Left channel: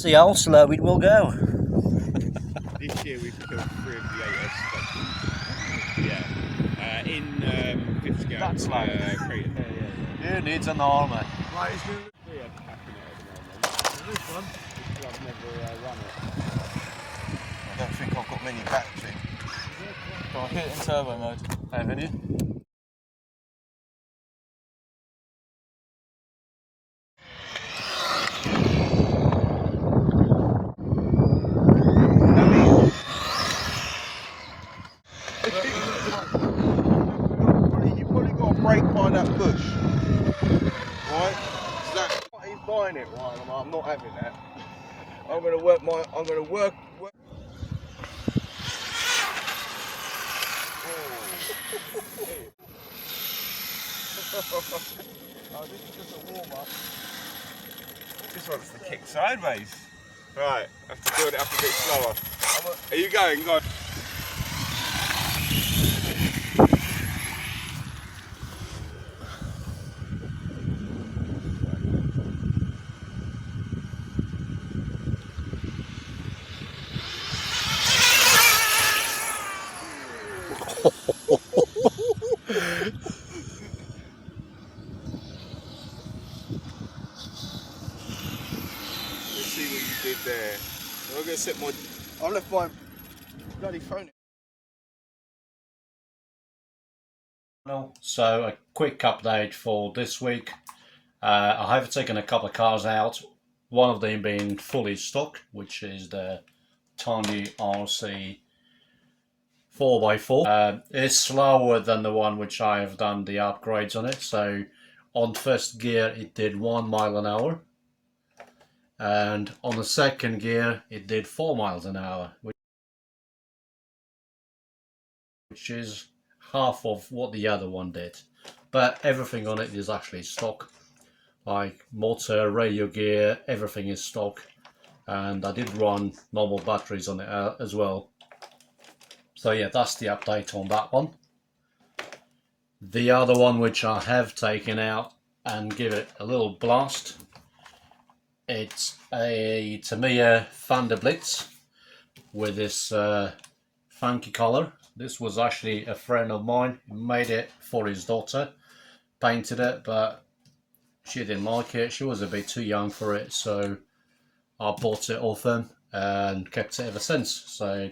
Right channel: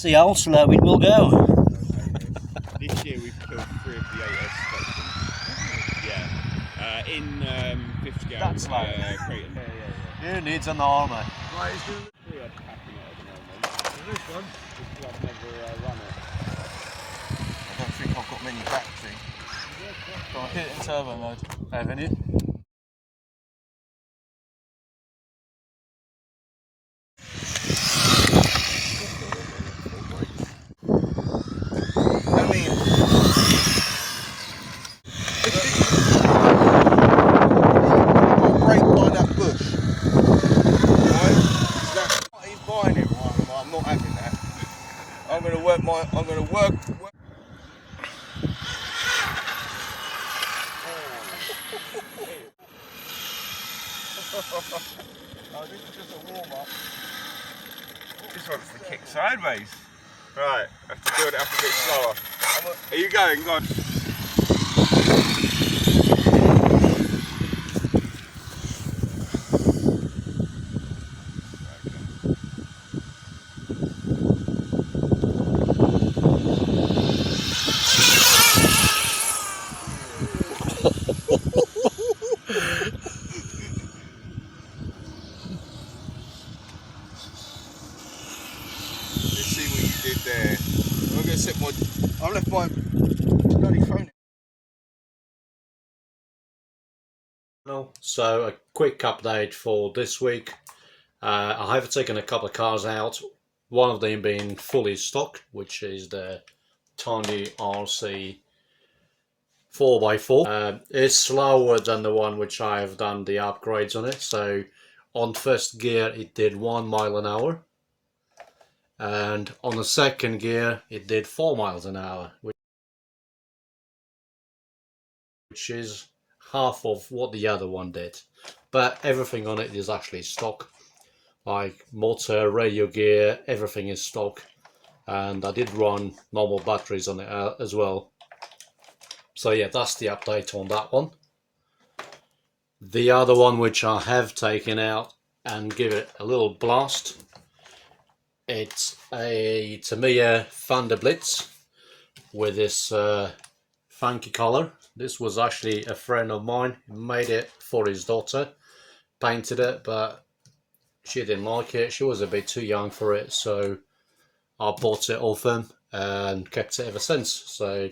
See how slow it will go. This year we've killed 3 of the 8 specimens. Yeah. In 5th scale. That's like Creighton. Who needs an arrma? Right, he's going to look packing it at the moment. This one? I've never run it. I don't think I've got many battery. Go on, hit it in turbo mode. Haven't you? I'm not having that. I'm going to work my. I'm going to work. Oh, this is just a warm up. This one's the kick sideways. Right, I have to build it up a bit slower. Are you going? Go on. Did there. I'm going to set my. I left my bloody phone. So a quick update for this week. I have taken a couple of cars out. One of them being fully stock, which is the Tandy RC 4x4. It's slower than the one which I have done the upgrades on it. So on first gear it did 1 mile an hour. And on the second gear it did 4 miles an hour, which is half of what the other one did. But everything on it is actually stock, like motor, radio gear, everything is stock. And I did run normal batteries on it as well. So yeah, that's the update on that one. The other one which I have taken out and give it a little blast, it's a Tamiya Thunder Blitz with this funky color. This was actually a friend of mine who made it for his daughter, painted it, but she didn't like it. She was a bit too young for it, so I bought it off him and kept it ever since. So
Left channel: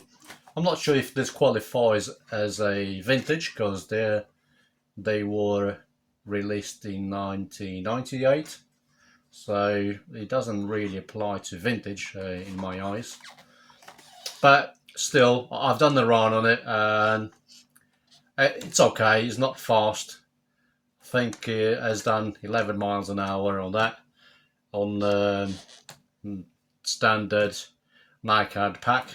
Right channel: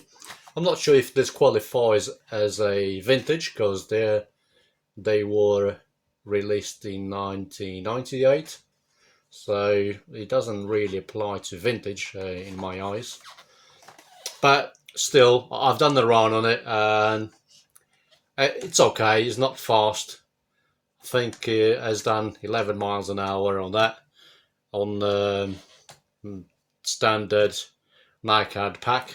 I'm not sure if this qualifies as a vintage, because they were released in 1998. So it doesn't really apply to vintage in my eyes. But still, I've done the run on it and it's okay. It's not fast. I think it has done 11 miles an hour on that, on the standard NiCad pack.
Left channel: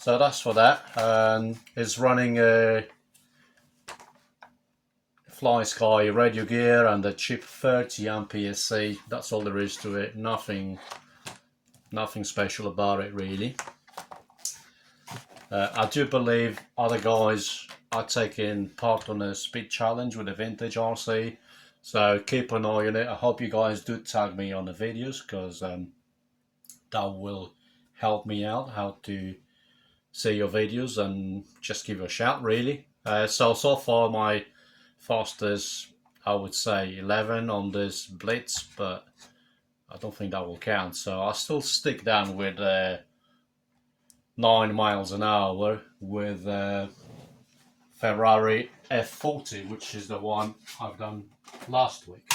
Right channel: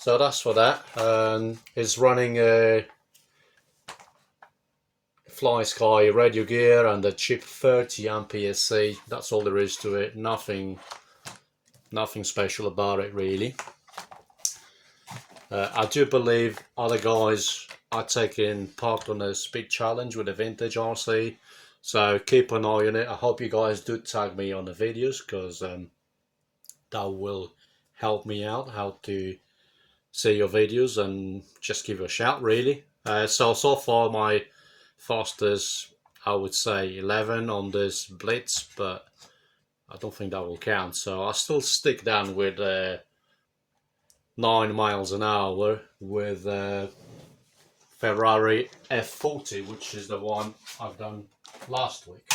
So that's for that. And it's running a Fly Sky radio gear and a cheap 30 Mph. That's all there is to it. Nothing special about it really. I do believe other guys are taking part on a speed challenge with a vintage RC, so keep an eye on it. I hope you guys do tag me on the videos, because that will help me out how to see your videos and just give you a shout really. So far my fastest, I would say 11 on this Blitz, but I don't think that will count, so I'll still stick down with 9 miles an hour with Ferrari F40, which is the one I've done last week.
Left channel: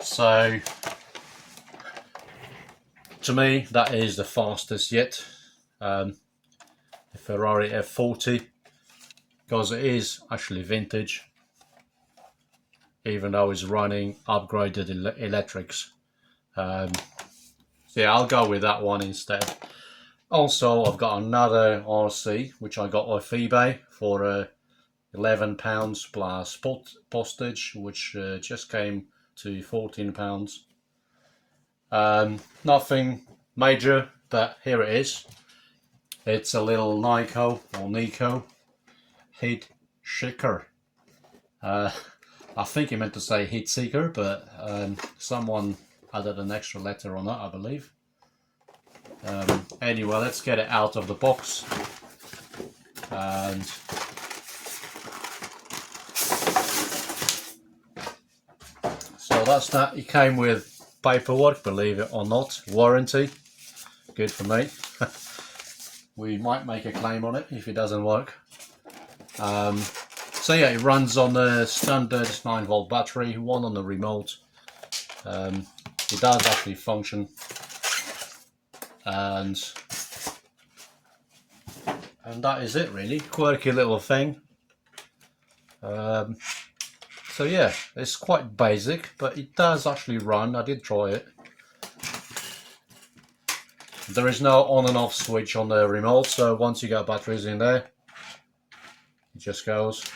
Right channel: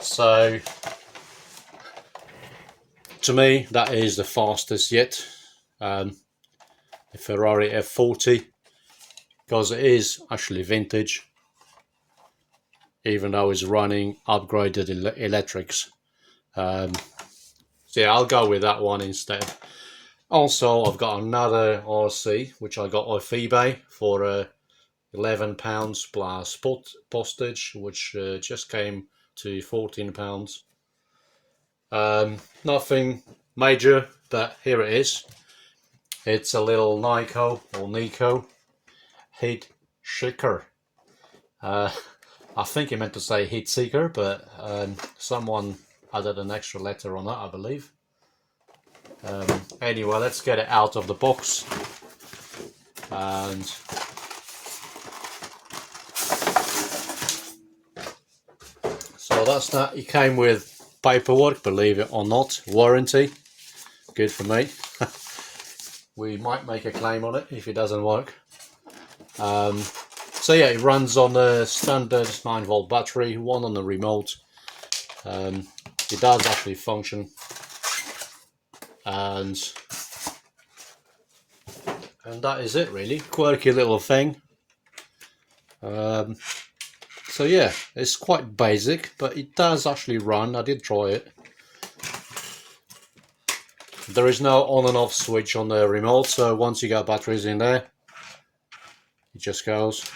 So to me that is the fastest yet, the Ferrari F40, because it is actually vintage, even though it's running upgraded electrics. So yeah, I'll go with that one instead. Also, I've got another RC which I got off eBay for £11 plus postage, which just came to £14. Nothing major, but here it is. It's a little Nikko heat seeker. I think he meant to say heat seeker, but someone added an extra letter on that, I believe. Anyway, let's get it out of the box. And so that's that. It came with paperwork, believe it or not, warranty. Good for me. We might make a claim on it if it doesn't work. So yeah, it runs on the standard 9-volt battery, one on the remote. It does actually function, and that is it really. Quirky little thing. So yeah, it's quite basic, but it does actually run. I did try it. There is no on and off switch on the remote, so once you got batteries in there, it just goes.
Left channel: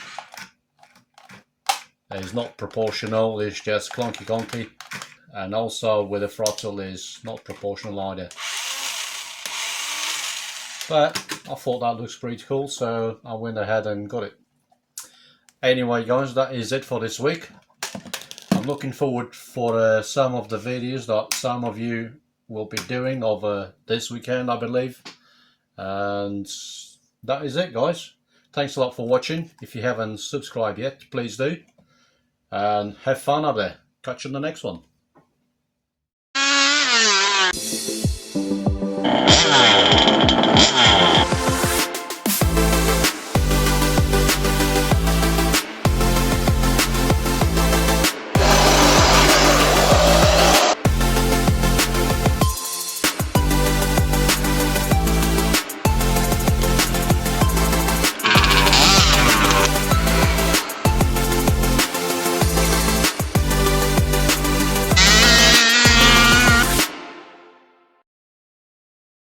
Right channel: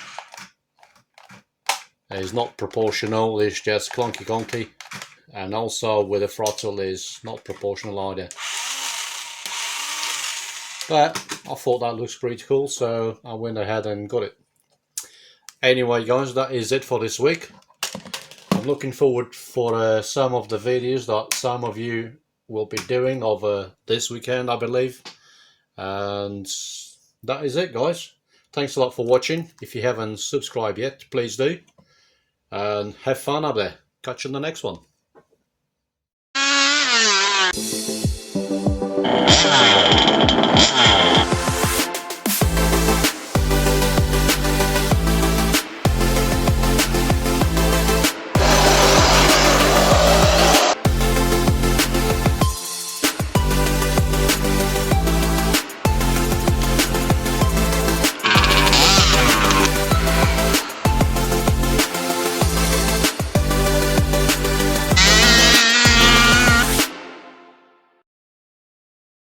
It's not proportional, it's just clunky, and also with the throttle is not proportional either. But I thought that looks pretty cool, so I went ahead and got it. Anyway guys, that is it for this week. I'm looking forward for some of the videos that some of you will be doing over this weekend, I believe. And that is it guys. Thanks a lot for watching. If you haven't subscribed yet, please do. And have fun up there. Catch you in the next one.